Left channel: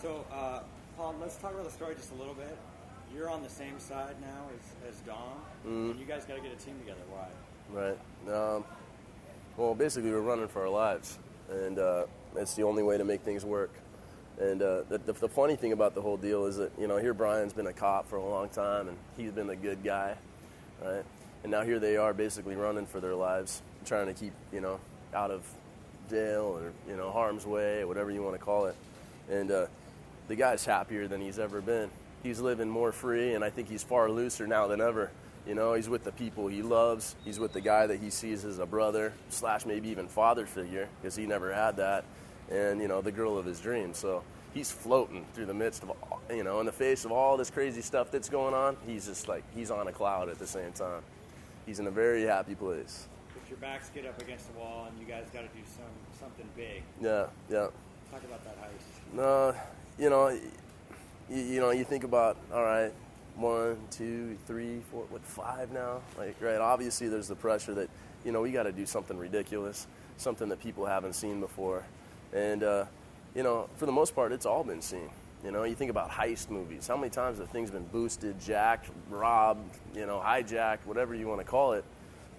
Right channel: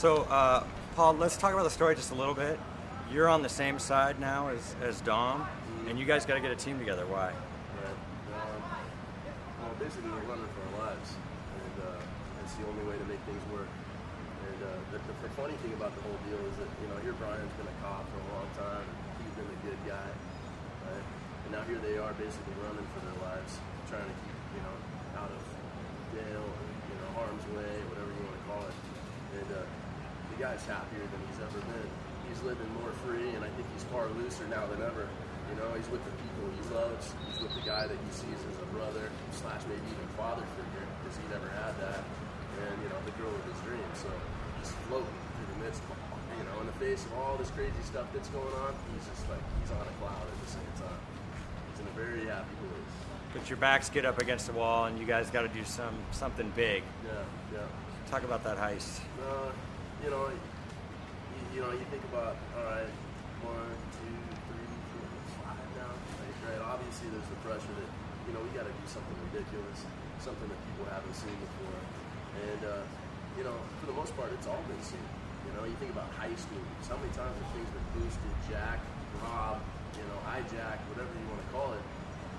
So, Paul, let's talk about the story just a little bit. You're on the same side now as Dom, and you guys got to get a team together. Why? Right. Well, basically, we're running for our lives, and it's the only way to make things work. And the funny thing about the whole deal is that, here Brian's been a cop for a long time, and he's been the good guy, right? And now here they are basically running for their lives, trying to keep, out of jail or, harm's way, whatever you want to call it. And the guy's happier than he's ever been. He's living more free, and I think he's far looser now than ever. He's with the people he loves. He's with the guy that he sees as a brother / maybe even father figure, because he never had that. And, the girl of his dreams. So he's floating through the midst of, in the face of all this crazy stuff that's going on. He's just like, he's on a cloud at the same time. He's in a very happy place. But your backs get up against the wall, and you guys got to do something big. Yeah. Talk about that heist. You think about, all right, 1, 2, 3, 4, 5 now. Like, right, obviously there's the pressure that, we got to do something ridiculous, something that people haven't seen before. And, for the most part, it's all been seen. You think about heist movies. How many times have things been boosted, jacked, robbed, hijacked, whatever you want to call it.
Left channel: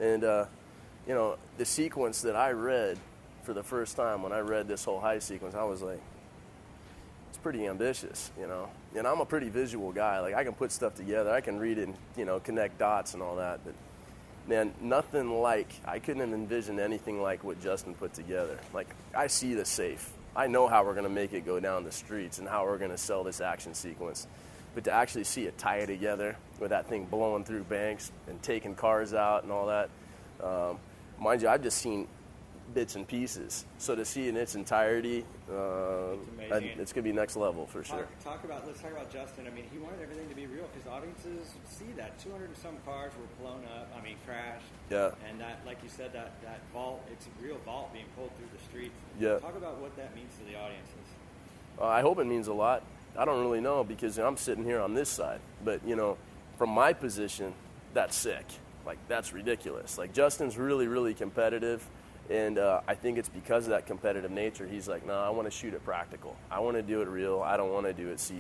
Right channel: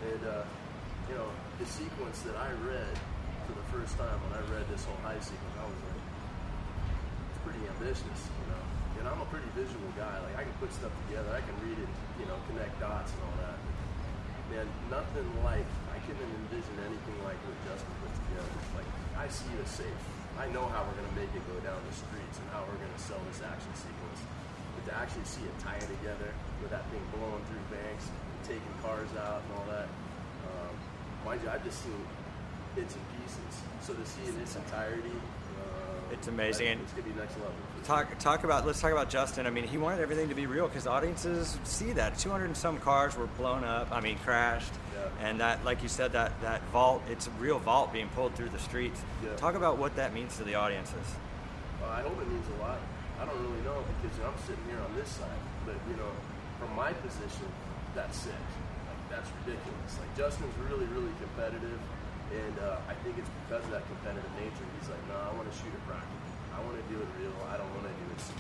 And, the sequence that I read for the first time when I read this whole heist sequence, I was like, it's pretty ambitious, And I'm a pretty visual guy. Like, I can put stuff together. I can read it and, connect dots and all that. But, man, I couldn't envision anything like what Justin put together. Like, I see the safe. I know how we're going to make it go down the streets and how we're going to sell this action sequence. But to actually see it tie together with that thing blowing through banks and taking cars out and all that, mind you, I've just seen bits and pieces. So to see it in its entirety, it's amazing. It's going to be next level for sure. Let's talk about Justin. I mean, he wanted everything to be real because audiences see that 200 and some cars were blown up. I mean, crashed. Yeah. And that, like you said, that vault, it's a real vault being pulled through the streets. Yeah. Talk about what that means to the audiences. I hope it means a lot. I don't really know because I'm sitting here on this side. But, from my position, that's sick. Like, that's ridiculous. Like, Justin's really, really competitive. And I think it's because of that competitive nature. He's like, no, I want to shoot it practical. I want to do it real. I don't want to do it CG.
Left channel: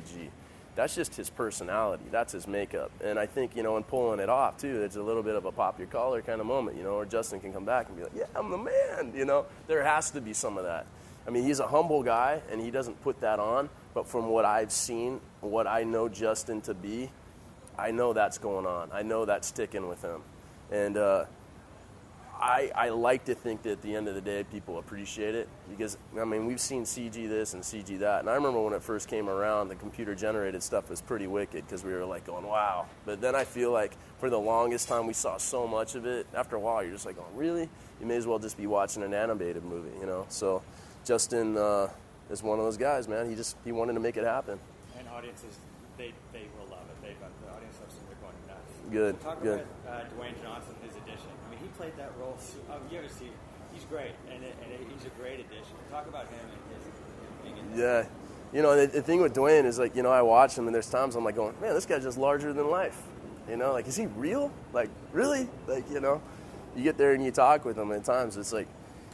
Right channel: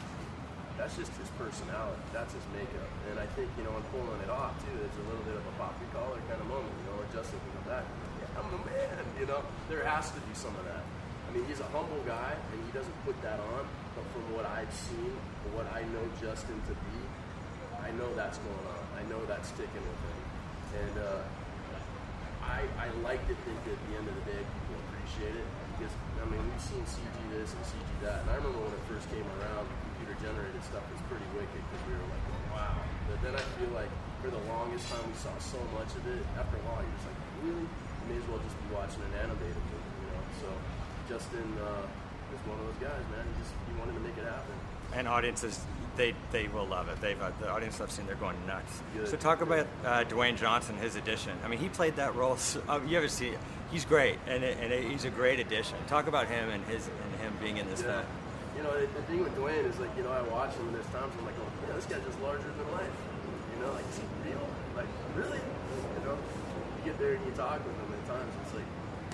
That's just his personality. That's his makeup. And I think, in pulling it off, too, it's a little bit of a pop your collar kind of moment, where Justin can come back and be like, yeah, I'm the man, There has to be some of that. I mean, he's a humble guy, and he doesn't put that on. But from what I've seen, what I know Justin to be, I know that's going on. I know that's sticking with him. And I like to think that at the end of the day, people appreciate it because, we've seen CG this and CG that. And I remember when it first came around, the computer-generated stuff was pretty wicked because we were like going, wow. But then I feel like for the longest time, we saw so much of it. After a while, you're just like, oh, really? You may as well just be watching an animated movie, So Justin is one of those guys, man. He wanted to make it happen. And audiences, they will love it. The audience I've seen, they're going nuts. Good. So talk about Dwayne Johnson, his addition. I mean, he played that role. You ever see it? He's great, and he's a great addition. Talk about him and him being in this film. The thing with Dwayne is like, I watch him and there's times I'm like going, man, this guy's just larger than life. Like, is he real? Like, really? Like, you get there and you talk with him at times, it's like,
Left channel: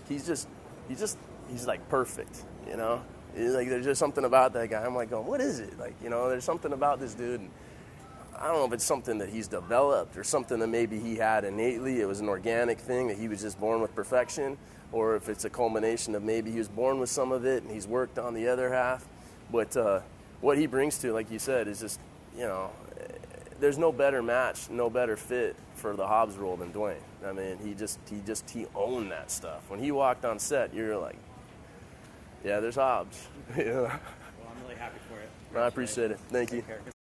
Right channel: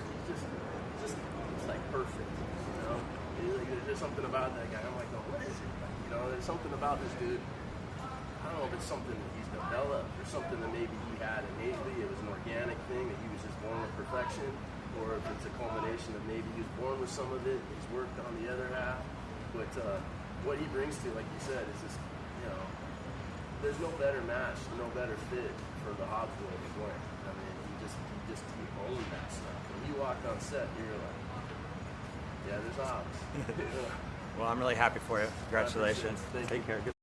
he's like perfect, He's like, there's just something about that guy. I'm like, going, what is it? Like, there's something about this dude. I don't know if it's something that he's developed or something that maybe he had innately. It was an organic thing that he was just born with perfection, or if it's a culmination of maybe he was born with some of it and he's worked on the other half. But what he brings to, like you said, is just, there's no better match, no better fit for the Hobbs role than Dwayne. I mean, he owned that stuff. When he walked on set, you're like, yeah, there's Hobbs. Well, I'm really happy for you. I appreciate Congratulations. it. Thank you. Take care.